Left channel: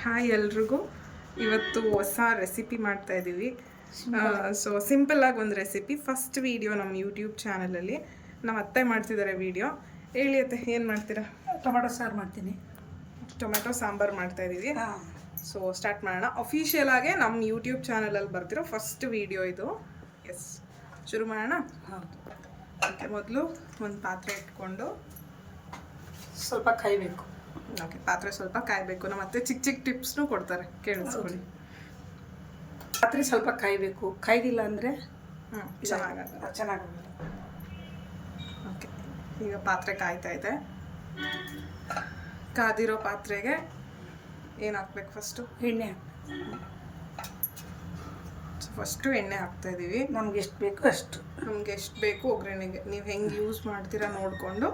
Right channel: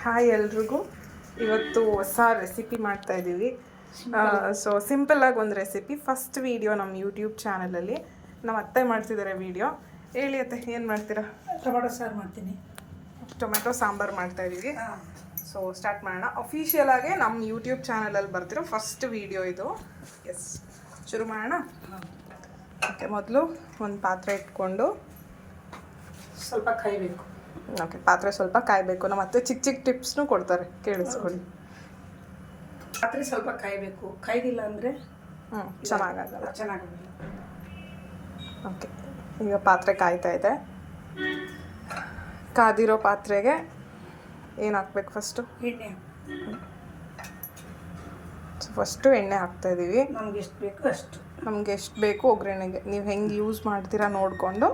Hi ಎಲ್ರಿಗೂ. ಇವತ್ತು ಹೊಸ ರೆಸಿಪಿ ಮಾಡ್ತಾ ಇದ್ದೀವಿ. ಸೊ ಸಿಂಪಲ್ಲಾಗಿ ಒಂದು ರೆಸಿಪಿ, ಫಸ್ಟ್ ವೀಡಿಯೋ ನಮ್ಮ ಯೂಟ್ಯೂಬ್ ಚಾನಲಲ್ಲಿ. ನಮ್ಮ ಅತ್ತೆ ಮಾಡ್ತಿದ್ದಾರೆ ವೀಡಿಯೋ. ಹೇಳಿ ಅತ್ತೆ, ಏನು ಮಾಡ್ತೀರಾ? ಟೊಮೆಟೊ ಸಾರು ಮಾಡ್ತೀನಿ. ಟೊಮೆಟೊ ಸಾಂಬಾರು ಮಾಡ್ತಾ ಇದ್ದೀವಿ. ಸೊ ಸ್ಟಾರ್ಟ್ ಮಾಡೋಣ. ಅಫಿಷಿಯಲ್ ಆಗಿ ನಮ್ಮ ಯೂಟ್ಯೂಬ್ ಚಾನಲಲ್ಲಿ ಬರ್ತಿರೋ ಫಸ್ಟ್ ವೀಡಿಯೋ ಇದು. ಎಸ್, ಶುರು ಮಾಡೋಣ. ಓಕೆ, ಮೊದಲು ಒಂದು ಪಾತ್ರೆ ಇಟ್ಕೊಂಡು ಸ್ವಲ್ಪ ಕಾಯಬೇಕು. ಓಕೆ, ಪಾತ್ರೆ ಸ್ವಲ್ಪ ಕಾಯಬೇಕು. ನಮ್ಮ ಅತ್ತೆ ಚಿಕ್ಕ ಚಿಕ್ಕ ಟಿಪ್ಸ್ನೂ ಕೊಡ್ತಾರೆ, ಕೇಳಿಸ್ಕೊಳ್ಳಿ. ಪಾತ್ರೆ ಸ್ವಲ್ಪ ಕಾಯಬೇಕು, ಕಾಯ್ದಿಲ್ಲ ಅಂದರೆ ಚೆನ್ನಾಗಲ್ಲ. ಚೆನ್ನಾಗಲ್ಲ. ಓಕೆ, ಈಗ ಪಾತ್ರೆ ಕಾಯ್ತಾ ಇದೆ. ಕಾದಿರೋ ಪಾತ್ರೆಗೆ ಏನು ಹಾಕ್ಬೇಕು? ಎಣ್ಣೆ. ಫಸ್ಟು ಎಣ್ಣೆ ಹಾಕ್ತಾ ಇದ್ದೀವಿ. ನಮ್ಗೆ ಎಷ್ಟು ಬೇಕು ಅಷ್ಟು. ನಮಗೆ ಎಷ್ಟು ಬೇಕು ಒಗ್ಗರಣೆಗೆ ನೀವು ಹೆಂಗೆ ಯೂಸ್ ಮಾಡ್ತೀರಾ ನೋಡಿಕೊಂಡು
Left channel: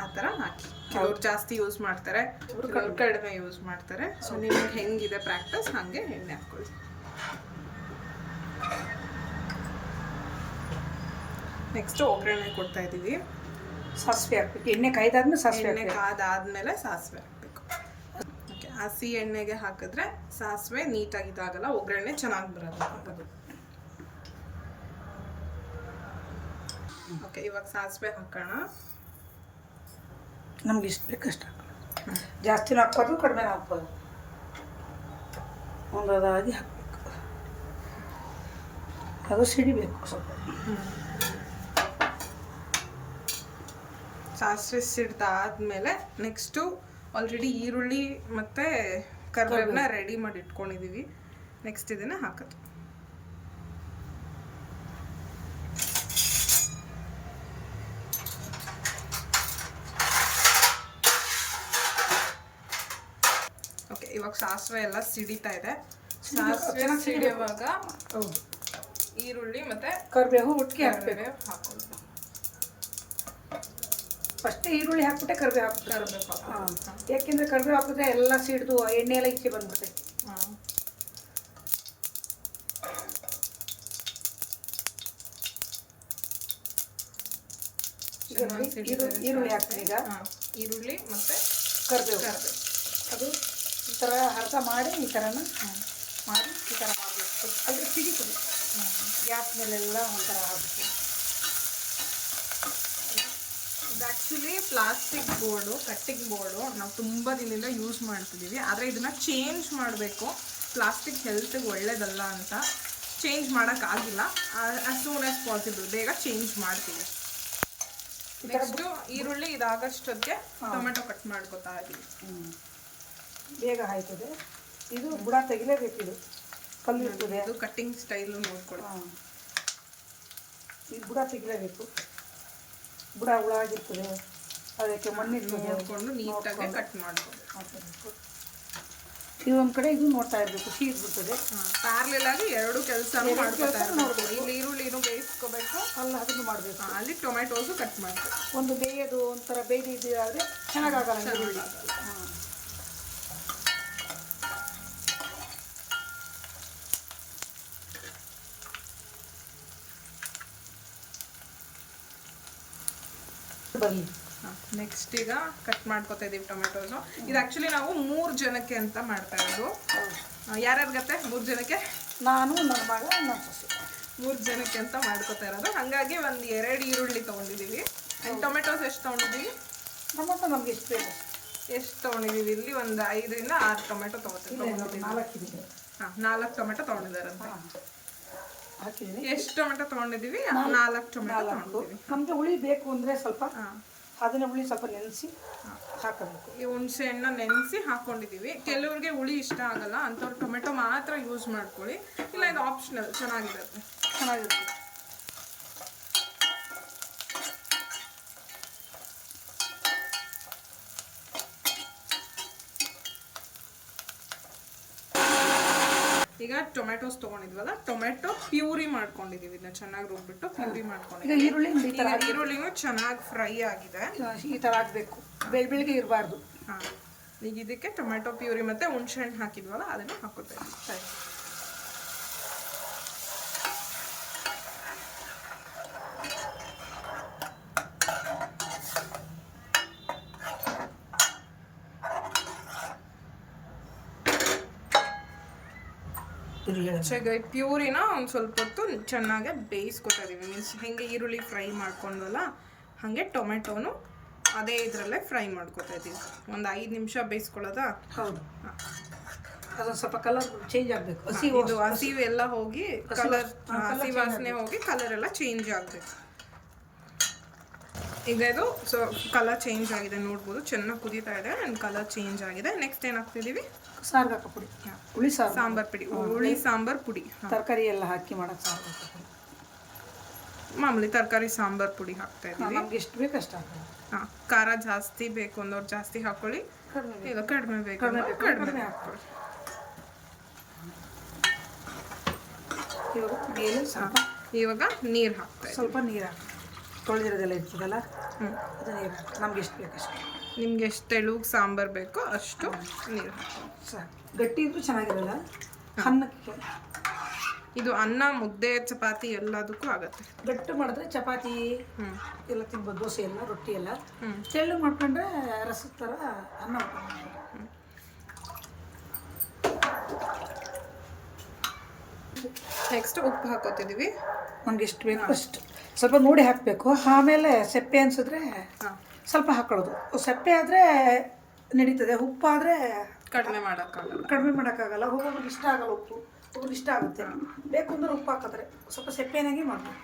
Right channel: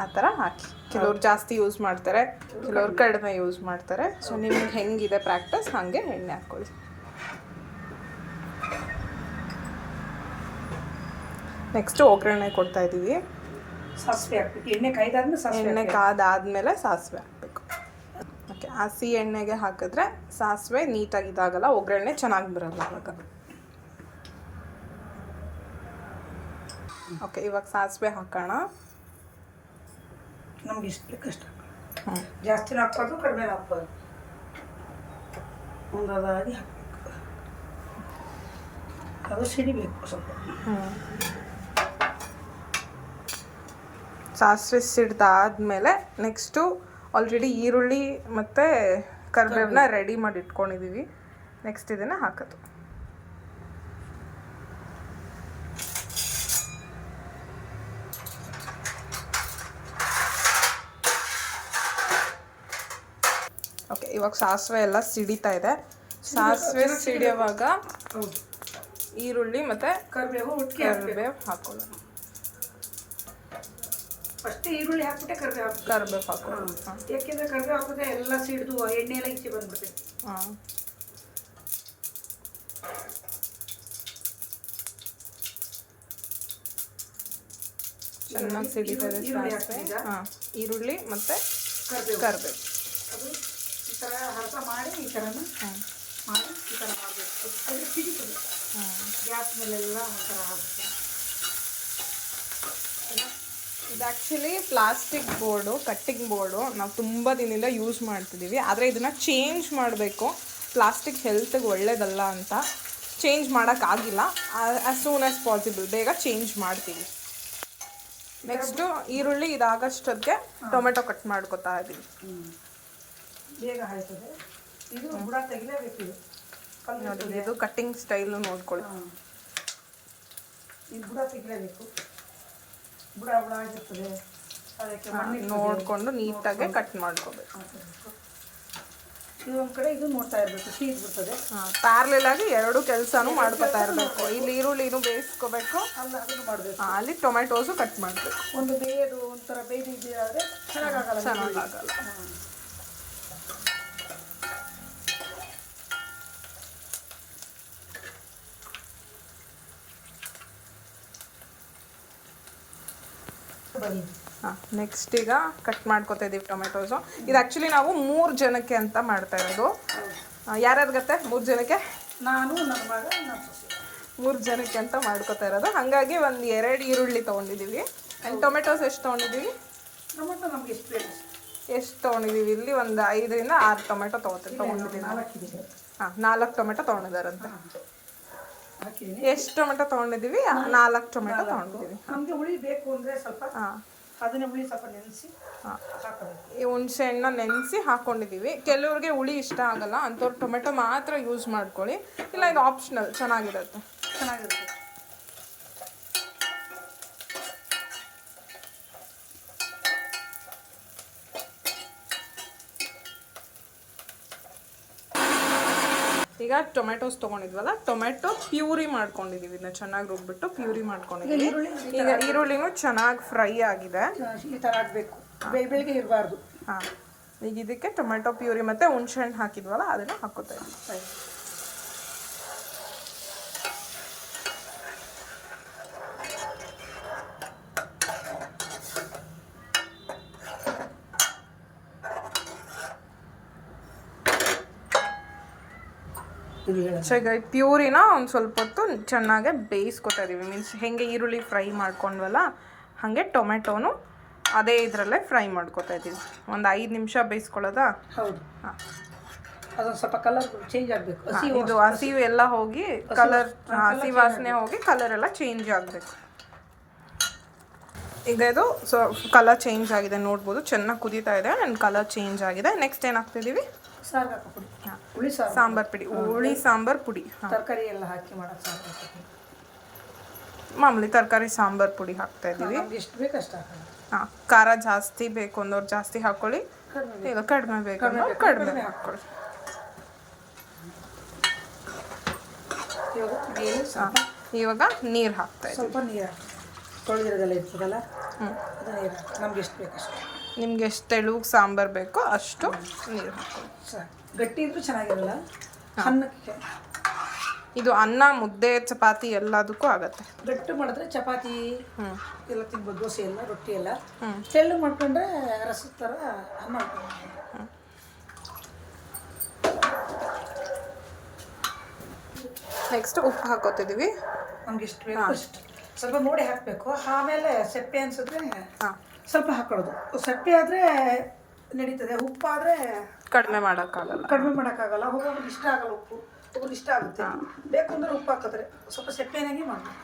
ಆ ಥರ ಹಾಕಿ. ಕೆಲವ್ರು ಜಾಸ್ತಿ ಯೂಸ್ ಮಾಡ್ತಾರೆ, ಕೆಲವ್ರು ಕಡಿಮೆ ಯೂಸ್ ಮಾಡ್ತಾರೆ. ಸೊ ನಿಮ್ಗೆ ಹೆಂಗಿದೆ ಪ್ರಾಕ್ಟೀಸ್ ಹಾಗೆ ಎಣ್ಣೆ ಹಾಕ್ಕೊಳ್ಳಿ. ನೆಕ್ಸ್ಟು ಒಗ್ಗರಣೆ ಕೊಡ್ತಾ ಇದ್ದೀವಿ. ಸಾಸಿವೆ ಹಾಕ್ಬೇಕು. ಎಣ್ಣೆ ಕಾಯ್ದಾದ್ಮೇಲೆ ಸಾಸಿವೆ. ಎಣ್ಣೆ ಕಾದಾದ್ಮೇಲೆ ಸಾಸಿವೆ ಹಾಕಬೇಕು. ಓಕೆ, ಹಸಿ ಎಣ್ಣೆಗೆ ಹಾಕಿದ್ರೆ ಸಾಸಿವೆ ನೀಟಾಗಿ ಇದಾಗಲ್ಲ, ಒಗ್ಗರಣೆ ಚೆನ್ನಾಗಿ ಬರಲ್ಲ ಅವಾಗ. ಓಕೆ, ಇವಾಗ ಸಾಸಿವೆ ಹಾಕೋಣ. ನಮ್ಗೆ ಎಷ್ಟು ಬೇಕಷ್ಟು. ಜಾಸ್ತಿನೂ ಹಾಕ್ಬಾರ್ದು, ಕಡಿಮೆ ಹಾಕ್ಬಾರ್ದು. ಒಂದಾಗಿ ಹಾಕಬೇಕು. ಅದು ಸಿಡಿಬೇಕು ಸ್ವಲ್ಪ. ಸಾಸಿವೆ ಸಿಡ್ದಾದ್ಮೇಲೆ ನೆಕ್ಸ್ಟು ಆಲ್ರೆಡಿ ಈರುಳ್ಳಿ ಮತ್ತು ಕರಿಬೇವನ್ನ ರೆಡಿ ಮಾಡಿ ಇಟ್ಕೊಂಡಿದ್ದೀವಿ. ನೆಕ್ಸ್ಟ್ ಇದನ್ನು ಹಾಕೋದು. ಓಕೆ, ಇವಾಗ ಸಾಸಿವೆ ಎಲ್ಲ ಸಿಡಿತಾ ಇದೆ. ಸಾಸಿವೆ ಸಿಡಿಯುವಾಗ ಈರುಳ್ಳಿ ಮತ್ತು ಕರಿಬೇವು ಕರಿಬೇವು ಹಾಕೊಳ್ಳೋಣ. ಫಸ್ಟ್ ಈರುಳ್ಳಿ ಹಾಕ್ಬಿಟ್ಟೆ ಕರಿಬೇವು ಹಾಕೊಳ್ಳೋಣ. ಯಾಕೆಂದರೆ ಕರಿಬೇವು ಹಾಕಿದ್ರೆ ಎಲ್ಲ ಸಿಡಿದು ಎಣ್ಣೆ ಎಲ್ಲ ಈಚೆ ಬಂದ್ಬಿಟ್ಟೆ. ಚೆನ್ನಾಗಿ ಸಿಡಿತದೆ. ಈರುಳ್ಳಿ ಮತ್ತು ಕರಿಬೇವು ಅದು ಈ ಥರ ಅರ್ಧ ಮಾಡಿ ಈ ಥರನ ಮಾಡಿ ಈ ಥರ ಮಾಡಬೇಕು. ಅದು ಸಿಡಿತದೆ. ಗ್ಯಾಸ್ ಮೇಲೆಲ್ಲ ಒಂಥರ ಆಗುತ್ತೆ. ಇದು actually plastic board, cutting board ನಾವು ತುಂಬ ದಿನದಿಂದ ಯೂಸ್ ಮಾಡ್ತಿದ್ದೀವಿ. ಆದರೆ ಇದನ್ನು ಚೇಂಜ್ ಮಾಡಬೇಕು. ಪ್ಲಾಸ್ಟಿಕ್ ಹೆಲ್ತ್ಗೆ ಒಳ್ಳೇದಲ್ಲ ಅಂತ ಚೇಂಜ್ ಮಾಡೋಕ್ಕಾಗಿಲ್ಲ. ಆ್ಯಸ್ ಸೂನ್ ಆ್ಯಸ್ ಪಾಸಿಬಲ್ ಬೇಗ ಚೇಂಜ್ ಮಾಡ್ತೀವಿ. ನೆಕ್ಸ್ಟು ಈರುಳ್ಳಿ ಇದಾಗಷ್ಟೊತ್ತಿಗೆ ಟೊಮೆಟೊ ಕಟ್ ಮಾಡ್ಕೊತಾ ಇದ್ದೀವಿ. ಬೇಗ ಆಯ್ತದೆ. ಇದು ಬುಡ ತೆಗಿಲೇಬೇಕು. ನೋಡಿ, ಇದು ಕಟ್ಟಿಂಗ್ ಸ್ಟೈಲು ನೋಡ್ಕೊಳ್ಳಿ. ಇದು ಬುಡ ತೆಗಿಲೇಬೇಕು. ಬುಡ ಆಗಿರ್ತದೆ, ಅದಕ್ಕೆ ನೋಡಿಕೊಂಡು ನೀಟಾಗಿ ಕಟ್ ಮಾಡ್ಕೋಬೇಕು. ಇದೊಂದು ಕಡೆ ಇದು ನೋಡ್ತಾ ಇರಬೇಕು, ಸೀದ್ಬಿಡ್ತದೆ. ಪ್ಯಾರಲಲ್ ಆಗಿ ಎರಡು ಕೆಲಸನೂ ಮಾಡ್ಕೊತಾ ಇರಬೇಕು. ಇಲ್ಲಿ ಈರುಳ್ಳಿನೂ ಬೇಯಿಸ್ಕೋಬೇಕು, ಅಲ್ಲಿ ಅದನ್ನು ಮಾಡಬೇಕು. ಅಲ್ಲಿ ಟೊಮೆಟೋಸು ಕಟ್ ಮಾಡಬೇಕು. ಒಂದು ಬೇಯೋದು ಒಂಥರ ಬೇಯ್ದಿದ್ದಾದರೆ ಚೆನ್ನಾಗಾಗಲ್ಲ. ನೆಕ್ಸ್ಟ್ ಈಗ ಕಟ್ ಮಾಡ್ಕೊತಾ ಇದ್ದೀವಿ ಟೊಮೆಟೋಸು. ಇದು ಆ್ಯಕ್ಚುಲಿ ನಾವು 3 ಜನಕ್ಕೆ ಅಂತ ಮಾಡ್ತಾ ಇರೋದು. ಯಾರ್ಯಾರು ಗತ್ತೆ 3 ಜನಕ್ಕೆ? ನಾನು, ನಮ್ಮ ಮಗ, ನಮ್ಮ ಸೊಸೆ. 3 ಜನಕ್ಕೆ ಅಂತ ಮಾಡ್ಕೊತಾ ಇರೋದು. ಹಾಗಾಗಿ ಒಂದು 2 ಈರುಳ್ಳಿ ತೊಗೊಂಡಿದ್ದೀವಿ. ಆ್ಯಂಡ್ ಟೊಮೆಟೋಸ್ ಎಷ್ಟು ತೊಗೊಂಡಿದ್ದೀವಿ? ಟೊಮೆಟೊ ನಮ್ಗೆ ಎಷ್ಟು ಬೇಕು ಎಷ್ಟು ತೊಗೊಂಡಿದ್ದೀವಿ? ಇಲ್ಲಿ ಒಂದು 5ರಿಂದ 6 ಟೊಮೆಟೊ ತೊಗೊಂಡಿದ್ದೀವಿ. 4 ಟೊಮೆಟೊ ತೊಗೊಂಡಿದ್ದಾರಂತೆ. ಎಷ್ಟು ಟೊಮೆಟೊ ತೊಗೊಂಡಿದ್ದೀವಿ? 4 ಟೊಮೆಟೊ ತೊಗೊಂಡಿದ್ದೀವಿ. ನಮಗೆ ಹುಳಿ ಬೇಕು ಅಂದರೆ ಸ್ವಲ್ಪ ಅದನ್ನ ಹುಳಿ ಸ್ವಲ್ಪ ನೆನೆಸಿ ಹಾಕಬೇಕು. ಈ ಹುಣಸೆ ಹಣ್ಣನ್ನ ನೆನೆಸಿ ಹಾಕ್ಕೊಂಡಿದ್ದೀವಿ. ಕೆಲವ್ರಿಗೆ ಹುಳಿ ಇಷ್ಟ ಆಗಲ್ಲ, ಅಂಥವ್ರು ಟೊಮೆಟೊ ಮಾತ್ರ ಯೂಸ್ ಮಾಡ್ಕೊಳ್ಳಿ. ಇಲ್ಲ, ಇದು ಆಪ್ಷನಲ್, ಚೆನ್ನಾಗಿರುತ್ತೆ. ಈಗ ಟೊಮೆಟೋಸ್ ತೊಗೊಂಡಿದ್ವಲ್ಲ, ಟೊಮೆಟೊ ಪ್ಯೂರಿ ಮಾಡ್ಕೊಂಡಿದ್ದೀವಿ. ಇದನ್ನ ಚೆನ್ನಾಗಿ ರುಬ್ಬಿಟ್ಟು ಪ್ಯೂರಿ ಮಾಡ್ಕೊಂಡಿದ್ದೀವಿ. ಈಗ ಈರುಳ್ಳಿನೂ ಚೆನ್ನಾಗಿ ಫ್ರೈ ಆಗಿದೆ. ಈ ಥರ ಆಗಬೇಕು, ಬೆಳಿಗ್ಗೆ ಇರಬಾರ್ದು. ಈಗ ಇದಕ್ಕೆ ಟೊಮೆಟೊ ಪ್ಯೂರಿ ಮತ್ತು ಹುಣಸೆ ಹಣ್ಣು ಹಾಕಿದ್ವಲ್ಲ ಅದನ್ನು ಹಾಕೋತಾ ಇದ್ದೀವಿ. ಇದು ಹೇಳ. ಸೊ ಈಗ ಈ ಪ್ಯೂರಿನ ಒಂದು ಸ್ವಲ್ಪ ಹೊತ್ತು ಚೆನ್ನಾಗಿ ಬೇಯಿಸ್ಕೊತಾ ಇದೀವಿ. ಮೀನ್ಸ್ ಹೆಂಗೆ ಈರುಳ್ಳಿ ಫ್ರೈ ಮಾಡ್ಕೊಂಡ್ವಲ್ಲ ಹಾಗೆ ಟೊಮೆಟೊನು ಅದೇ ಇದರಲ್ಲೇ ಫ್ರೈ ಮಾಡ್ಕೊತಾ ಇದ್ದೀವಿ. ಒಂದು 5 ನಿಮಿಷ ಬೇಯಿಸ್ಕೊಳ್ಳೋದಾ? ಹೌದು. ಹಾಂ, ಅದೊಂದು ಸ್ವಲ್ಪ ಕಲರ್ ಚೇಂಜ್ ಆಗಬೇಕು. ಇದು ಹಸಿವು ಎಲ್ಲ ಹೋಗಿ ಕಲರ್, ಹಸಿ ವಾಸನೆ ಹೋಗಿ ಕಲರ್ ಎಲ್ಲ ಚೇಂಜ್ ಆಗಬೇಕು. ಈಗ ಇದು ಸೊ ಕಲರ್ ಚೇಂಜ್ ಆಗಿದೆ ನೋಡ್ಬೋದು, ಚೆನ್ನಾಗಿ ಕುದೀತಾ ಇದೆ ಆ್ಯಂಡ್ ಕಲರ್ ಚೇಂಜ್ ಆಗಿದೆ. ನೆಕ್ಸ್ಟ್ ಏನು ಹಾಕ್ತಿದ್ದೀವಿ? ಸಾರ್ಗಾಕ ಪುಡಿ, ಹುಳಿ ಸಾಂಬಾರ್ ಪುಡಿ, ಹುಳಿ ಸಾಂಬಾರ್ ಪುಡಿ, ತರಕಾರಿ ಎಲ್ಲ ಹಾಕಿ ಮಾಡೋಕ್ಕೆ ಸಾರ್ಗಾಕ ಪುಡಿ, ಮಾಮೂಲಿ ತರಕಾರಿ ಸಾಂಬಾರ್ ಪುಡಿ ಹಾಕ್ತಾ ಇದ್ದೀವಿ. ಎಷ್ಟು ಬೇಕು ಅಷ್ಟು ಹಾಕೋದು. ಹಾಂ, ಖಾರ ಜಾಸ್ತಿ ಬೇಕು ಅಂದವ್ರು ಜಾಸ್ತಿ ಹಾಕ್ಕೊಳ್ಳಿ, ಇಲ್ಲ ಕಡಿಮೆ ಬೇಕು ಅಂದ್ರೆ ಕಡಿಮೆ ಹಾಕ್ಕೊಳ್ಳಿ. ಇವಾಗ ನೀರು ಹಾಕ್ತಾ ಇದ್ದೀವಿ. ಸ್ವಲ್ಪ ನೀರು ಹಾಕಿ ತೊಳೆದಿರೋದೆಲ್ಲ ಇರ್ತದಲ್ಲ, ಅದು ನೀರು ಹಾಕಿ ನಮ್ಗೆ ಎಷ್ಟು ಬೇಕು ಅಷ್ಟು. ನಿಮ್ಗೆ ಎಷ್ಟು ತೆಳುಗೆ ಸಾಂಬಾರು ಬೇಕೋ ಅಷ್ಟು ನೀರು ಹಾಕ್ಕೊಳ್ಳಿ. ಸಾಕು. ಗಟ್ಟಿ ಇದ್ರೂ ಚೆನ್ನಾಗಿರಲ್ಲ ಅನ್ನಕ್ಕೆ. ಇದು ಅನ್ನ, ಮುದ್ದೆ, ಚಪಾತಿ ಎಲ್ಲದಕ್ಕೂ ಆಗತ್ತೆ. ಗಟ್ಟಿ ಮಾಡಿದ್ರೆ ಚಪಾತಿ ಎಲ್ಲ ತಿನ್ಬೋದು, ದೋಸೆ ಎಲ್ಲ, ರೊಟ್ಟಿ ಎಲ್ಲ. ತೆಳ್ಳು ಮಾಡ್ಕೊಂಡ್ರೆ ರಸದ ಥರ ಅನ್ನ. ನೆಕ್ಸ್ಟ್ ಉಪ್ಪು ಹಾಕೋತಿದ್ದೀವಿ. ನಮ್ಗೆ ಎಷ್ಟು ಬೇಕು ಅಷ್ಟು ಸ್ವಲ್ಪ ನೋಡಿ ಹಾಕಬೇಕು. ಆಮೇಲೆ ಸೆಪ್ಪೆ ಅನ್ಸಿದ್ರೆ ಸ್ವಲ್ಪ ಹಾಕೊಳ್ಳೋದು. ಸೆಪ್ಪೆ ಆದರೆ ನಡೀತದೆ, ಉಪ್ಪಾದರೆ ಕಡಿಮೆ ಮಾಡೋಕ್ಕಾಗಲ್ಲ. ಒಬ್ಬೊಬ್ರಿಗೆ ಇಷ್ಟ ಆಗಲ್ಲ ಉಪ್ಪು, ಒಬ್ಬರಿಗೆ ಇಷ್ಟ ಆಗುತ್ತೆ. ಬೇಕು ಅಂದ್ರೆ ಉಪ್ಪು ಹಾಕಿದ್ರೆ ಸ್ವಲ್ಪ ಸೆಪ್ಪೆನಾಗೆ ಮಾಡಬೇಕು.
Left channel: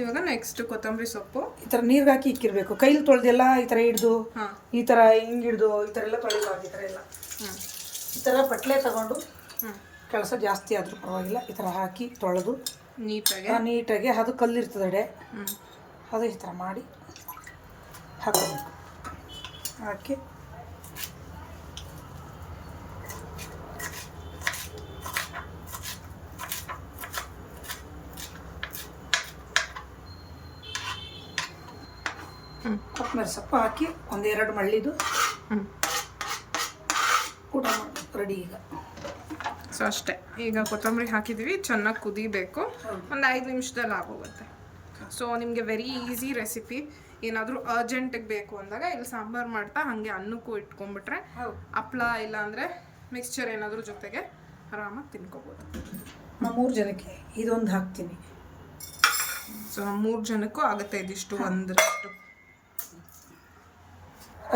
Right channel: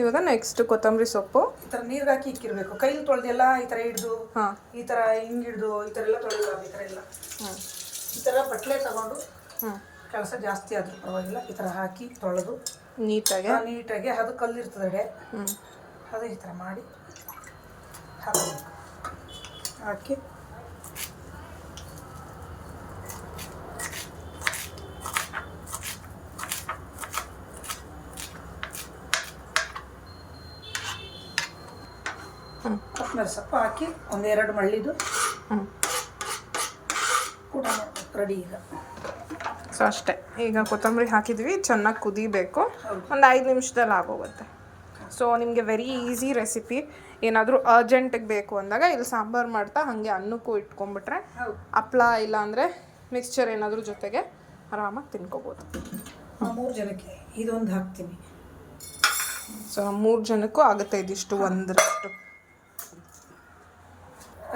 ಇವಾಗ ನೆಕ್ಸ್ಟ್ ಕೊತ್ತಂಬರಿ ಸೊಪ್ಪು ಈ ಥರ ನೀರಿಗೆ ಹಾಕಿ ಇಕ್ಕಿರಬೇಕು. ಕೈಲಿ ತೊಳೆದೆಲ್ಲ ಈ ಥರ ಹಿಡ್ದು, ಈ ಥರ ಹಿಂಗೆ ಹಿಡ್ದು ಈ ಥರ ಎಲ್ಲ ತೊಳೆಯಬಾರ್ದು. ಈ ಥರ ಎಲ್ಲ ಈ ಥರ ಬಟ್ಲೆ ತಗೊಂಡು ಕೆಲಸ ಜಾಸ್ತಿ ಆದರೂ ಪರವಾಗಿಲ್ಲ, ಈ ಥರ ಹಾಕಿ ತೊಳೆದು ನೀಟಾಗಿ ಅದು ಕಲ್ಲಿರ್ತದೆ ಅದು ಈ ಥರ ಮಾಡಿ ಹಾಕಿ ಕೊತ್ತಂಬರಿ ಸೊಪ್ಪು ಹಾಕಿ 1-2 ಮಳ್ಳಿದು ಊಟ ಮಾಡಬೇಕು. ರೆಡಿ ಈಗ. ಸೊ ಅಷ್ಟೇ. ಈಗ ಕೊತ್ತಂಬರಿ ಹಾಕಿದ್ವಿ, ಚೆನ್ನಾಗಿ ಕುದಿಬೇಕು. ಒಂದು 5 ನಿಮಿಷದಲ್ಲಿ ಆಗೋಗುತ್ತೆ. ಸೊ ನಿಮಗೆ ವೆರಿ ಈಸಿ ರೆಸಿಪಿ. ಏನಾದರೂ ಅರ್ಜೆಂಟಿಗೆ ಬೇಕು ಅಂದಾಗ ಇಲ್ಲಿ ಸಾಂಬಾರು ಮಾಡ್ತಾ ಹಾಗೆ ಅನ್ನಕ್ಕೂ ಇಟ್ಕೊಂಡ್ಬಿಟ್ರೆ ಹಪ್ಳ ಇಲ್ಲಾಂದರೆ ಮಿಕ್ಸ್ಚರ್ ಏನಾದರೂ ಜೊತೆಗೆ ಆರಾಮಾಗಿ ತಿನ್ಕೋಬೋದು. 3 ಜನಕ್ಕೆ ಇದೊಂದು ಹಾಕ್ತೀನಿ. ಸೊ ನಮ್ಮ 3 ಜನಕ್ಕೂ ಆಗುತ್ತೆ ಇದಿಷ್ಟು ಒಂದರಷ್ಟು.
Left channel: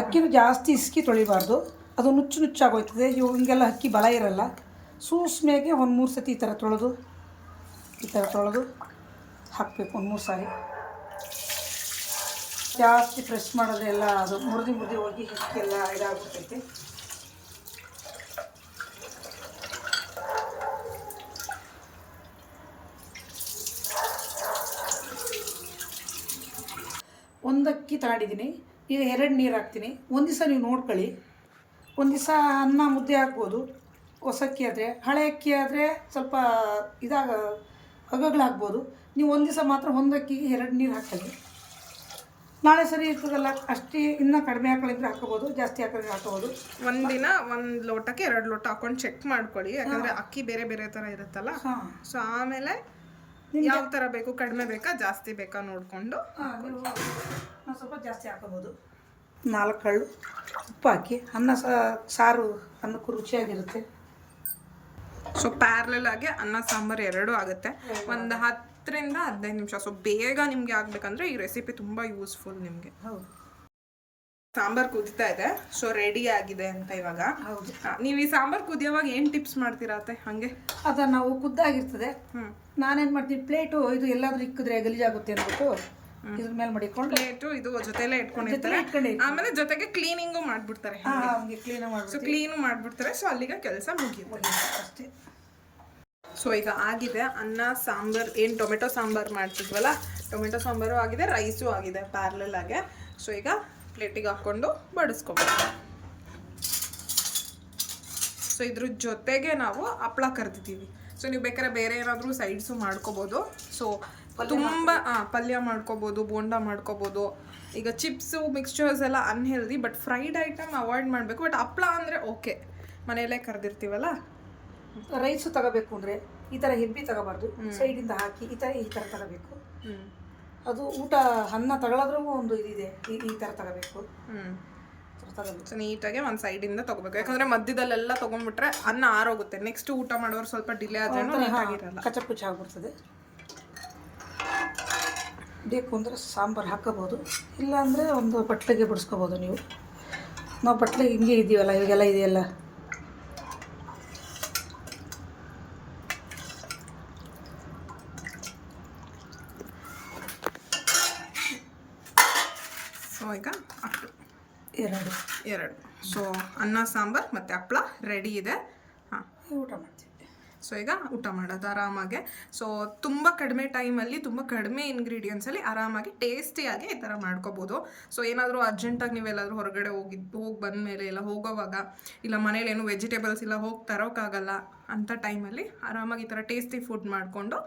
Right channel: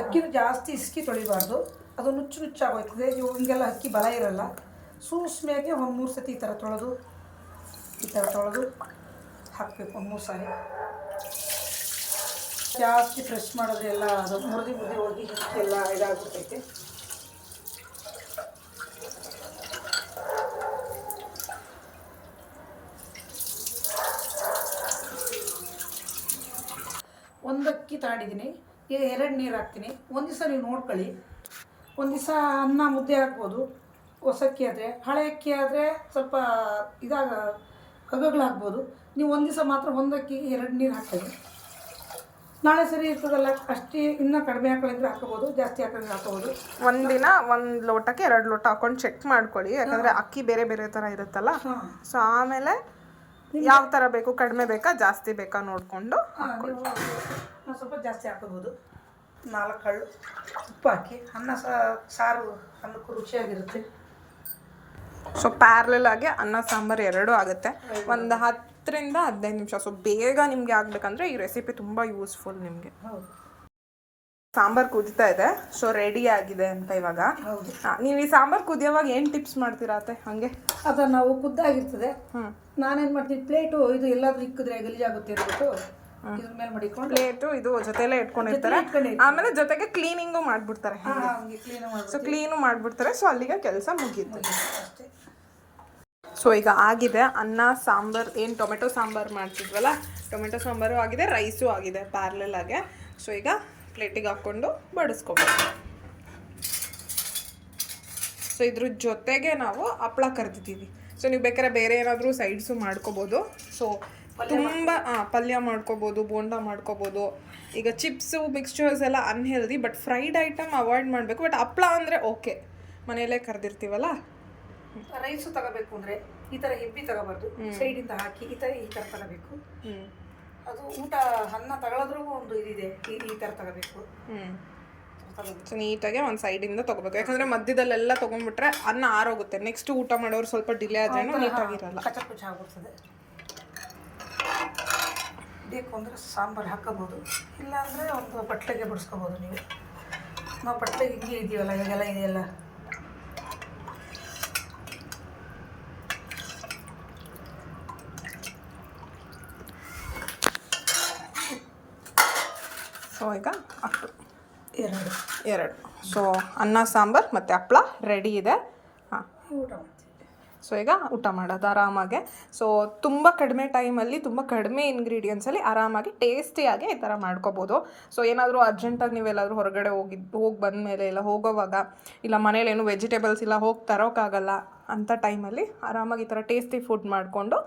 ಅಕ್ಕಿನೂ ಜಾಸ್ತಿ ಇಸ್ಕಿ ತೊಳಿಬಾರ್ದು, ಅದು ನುಚ್ಚಾಗೋಯ್ತದೆ. ಹಿಂಗೆಲ್ಲ ಅಕ್ಕಿ ಬಲ ಇರಲ್ಲ. ಸೂಸ್ಮೆಗೆ 1-3 ಸತಿ ಈ ಥರ ತೊಳೆದು ಹಾಕಬೇಕು. 1-3 ಸಾರಿ ಜಾಸ್ತಿ ಫ್ರೆಶ್ ಮಾಡೋದೆಲ್ಲ ಅದು ಮುರಿದು ಹೋಗಿ ಹಿಟ್ಟೆಲ್ಲ ಇದಾಗ್ಬಿಟ್ಟೈತೆ. ಒಂದು ಅಕ್ಕಿ ತಗೊಂಡಿದ್ದೀನಿ, ಈಗ 2 ನೀರು ಹಾಕ್ತೀನಿ. ಒಂದು ದಿವಸ ನೀವು ನೋಡ್ಕೊಳ್ಳಿ. ಒಂದು ದಿವಸ ಅನ್ನ ಮುದ್ದೆ ಹಾಕ್ಬೋದು ಹೊಸ ಅಕ್ಕಿ ಆದರೆ. ಹಳೆ ಅಕ್ಕಿ ಆದರೆ ಸ್ವಲ್ಪ ಹಗ್ಗಗಳಾಗ್ಬೋದು. ನೀವು ಒಂದು ದಿವಸ ಮಾತ್ರ ಒಂದು ಅಕ್ಕಿಗೆ 2 ನೀರು ಹಾಕ್ಕೊಳ್ಳಿ. ನಾಳೆ ಸರಿ ಇರ್ತದಲ್ಲ, ಅಷ್ಟೇ ಇನ್ನೂ ಕಡಿಮೆ ಹಾಕೊಳ್ಳಿದ್ರೆ ಹಾಕೋಬೋದು, ಜಾಸ್ತಿ ಹಾಕಿದ್ರೆ ಹಾಕೋಬೋದು. ಒಂದಿನ 1 ಲೋಟಕ್ಕೆ 2 ಲೋಟ ಹಾಕೊಂಡು ಚೆಕ್ ಮಾಡ್ಕೊಳ್ಳಿ. ಯಾಕಂದರೆ ಅಕ್ಕಿ ಬೇರೆ ಬೇರೆ ಥರ ಇರುತ್ತಲ್ಲ. ಸೊ ಆಮೇಲೆ ಯಾವ ಥರ ಬೇಕು, ಕಡಿಮೆ ಬೇಕಾ ಜಾಸ್ತಿ ಬೇಕಾ ನೋಡಿಕೊಂಡು ನಾವು ಸ್ವಲ್ಪ ಜಾಸ್ತಿ ಹಾಕೋಬೋದು. 4 ಕಳ್ಳು ಉಪ್ಪು ಹಾಕಿ ಅನ್ನ ಸಾರು ಅನ್ನಕ್ಕೂ ರುಚಿಯಾಗಿರುತ್ತೆ. ಸೊ ಪ್ಯಾರಲಲ್ ಆಗಿ ಅನ್ನ ಸಾಂಬಾರು 2 ಆಗುತ್ತೆ. ಒಂದು 10ರಿಂದ 15 ನಿಮಿಷ. ಸೊ ಬೇಗ ನಿಮಗೆ ಆಗಬೇಕಂದ್ರೆ ಈ ರೆಸಿಪಿ ತುಂಬ ಯೂಸ್ಫುಲ್ ನಿಮಗೆ. ಸಾಂಬಾರು ಕುದೀತಾ ಇದೆ. ಸೊ ರೆಡಿ ಆಗಿದೆ ಅಂತ ಇವಾಗ. ನೀವು ಈ ಸಾಂಬಾರು ಕುದಿಯೋವಾಗ ಏನು ಟಿಪ್ಸ್ ಮಾಡ್ತೀರಾ ಅತ್ತೆ? ಹಾಗೆ ಅದು ನಾವು ಕುದ್ದಾಗಿರ್ತದೆ, ನಾನೇನು ಮಾಡ್ತೀನಿ, ಪ್ಲೇಟು ಇದು ಎಲ್ಲಾದ್ರೂ ಇಕ್ಕಿದ್ರೆ ಗಲೀಜಾಗುತ್ತೆ ಅಂದ್ಬಿಟ್ಟು ಇದ್ರ ಮೇಲೆ ಮಡಿಕೊಂಡು ಪ್ಲೇಟು ಇದು ಜೊತೆಲೇ ಇಟ್ಕೊಂಡಿರ್ತಾರೆ. ಆಮೇಲೆ ಜೊತೆಗೆ ಕ್ಲೀನಿಂಗು ಮಾಡಿಬಿಡ್ತಾರೆ. ಸೊ ಕ್ಲೀನು ಮಾಡಿಬಿಡ್ತಾರೆ. ಸೊ ಅಲ್ಲಿಗೆ ಕೆಲಸ ಮುಗಿಯುತ್ತೆ ಅಷ್ಟೇ. ಸೊ ಈಗ ಆಗಿದೆ ಅನ್ನ ಸಾಂಬಾರು. ಏನು ಟೊಮೆಟೊ ಸಾಂಬಾರು ಮಾಡ್ತಿದ್ವಲ್ಲ, ಟೊಮೆಟೊ ಸಾಂಬಾರು ಆಗಿದೆ, ರೈಸು ಆಗಿದೆ ಪ್ಯಾರಲಲ್ ಆಗಿ. ಸೊ ಈಗ ಪ್ಲೇಟಿಗೆ ಹಾಕ್ಕೊಂಡು ಬಡಿಸ್ಕೊಬೇಕು. ಸೊ ಇದ್ರ ಜೊತೆಗೆ ನಾವು ಹಪ್ಳ ಕರೆದಿದ್ದೀವಿ. ಸೊ ನೀವು ಬೇಕಾದ್ರೆ ಬೇರೆ ಏನಾದರೂ ಸೈಡ್ಸು ಮಾಡ್ಕೋಬೋದು. ಸೊ ತುಂಬ ಪಲ್ಯ ಮಾಡ್ಕೋಬೋದು, ಬೋಂಡ ಮಾಡ್ಕೋಬೋದು. ಈಗ ಚಿಪ್ಸು ಮಿಕ್ಸ್ಚರ್ಸ್ ಎಲ್ಲ unhealthy, but fried item avoid ಮಾಡಬೇಕು. ಬಟ್ ಹಪ್ಳ ಅಂದರೆ ಓಕೆ, ಮನೆಯಲ್ಲೇ ಕರೆದಿರ್ತೀವಲ್ಲ. ರೈಸು ತಗೋಬೇಕು ಅಂದರೆ ಈ ಥರ ಹೆಬ್ಬಿ ತಗೋಬಾರ್ದು, ಸೈಡಿಂದ ಹಾಕಿ ಈ ಥರ ತಗೋಬೇಕು. ಅದು ಊಟ ಅನ್ನ ತಗೊಳೋದ್ರಾಗೂ ಒಂದು ಇದಿದೆ, ಈ ಥರ ತಗೋಬೇಕು. ಆಗ್ತದೆ ಅದು. ಸೊ ನೀಟಾಗಿ ಒಂದು ಸೈಡಿಂದ ತೊಗೋಬೇಕು, ಯಾಕಂದರೆ ಮಧ್ಯದಲ್ಲೆಲ್ಲ ತೊಗೊಂಡ್ಬಿಟ್ರೆ ಅನ್ನ ಆರೋಗುತ್ತೆ. ನೆಕ್ಸ್ಟ್ ಊಟ ಮಾಡೋರು ಸ್ವಲ್ಪ ಡಿಲೇ ಆದ್ರೂ ನೀಟಾಗಿರಲ್ಲ, ಕಚಪುಚ್ಚ ಆಗ್ಬಿಡ್ತದೆ. ಬೇಕು ಅಂದರೆ ಸಾಂಬಾರು ಹಾಕೋಬೋದು, ಇಲ್ಲಾಂದರೆ ಒಂದು ಬಟ್ಲಿಗೆ ಬಿಡಿಸ್ಕೋಬೋದು ನೀವು. ನಾವು ಬಟ್ಲಿಗೆ ಹಿಂಗೆ ಇದ್ದೀವಲ್ಲ, ಇವಾಗೆಲ್ಲ ಇದೆಯಲ್ಲ. ಸೊ ಈಗ ಹಪ್ಪಳ ಎರಡು. ಸೊ ಅನ್ನ ಸಾಂಬಾರು ಮತ್ತು ಹಪ್ಪಳ ರೆಡಿ ಇದೆ. ಹಾಂ, ಊಟ ಮಾಡ್ತೀವಿ. ಸೊ ಈಗ ಊಟ ಮಾಡೋದು ಆರಾಮಾಗೆ. ಸೊ ತುಂಬ ಕಡಿಮೆ ಟೈಮಲ್ಲಿ ತುಂಬ ಕಡಿಮೆ ಇಂಗ್ರೀಡಿಯೆಂಟ್ಸಲ್ಲಿ ಆರಾಮಾಗಿ ಟೇಸ್ಟಿಯಾಗಿ ಈ ಥರ ಮಾಡ್ಕೋಬೋದು. ಸೊ ಏನಾದರೂ ಅರ್ಜೆಂಟಾಗಿ ನೀವೆಲ್ಲಾದರೂ ಹೊರಗಡೆ ಹೋಗಿ ಬಂದಮೇಲೆ ಇಲ್ಲ ಹೋಗೋವಾಗ ಇಲ್ಲ ಮನೇಲಿ ಏನು ವೆಜಿಟೇಬಲ್ಸ್ ಇಲ್ಲ ಹೋಗಿ ತರೋಕ್ಕಾಗಲ್ಲ ಅಂಥ ಟೈಮಲ್ಲಿ ಆರಾಮಾಗಿ ಈ ಥರ ಟೇಸ್ಟಿ ಫುಡ್ ಮಾಡಿಕೊಂಡು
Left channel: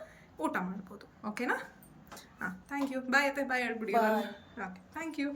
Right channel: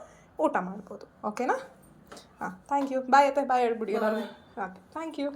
ಊಟ ಮಾಡ್ಬೋದು. ಓಕೆನಾ? ಹಾಂ, ಥ್ಯಾಂಕ್ ಯು. ಬಾಯ್ ಹೇಳ್ಬಿಡಿ. Okay, thank you.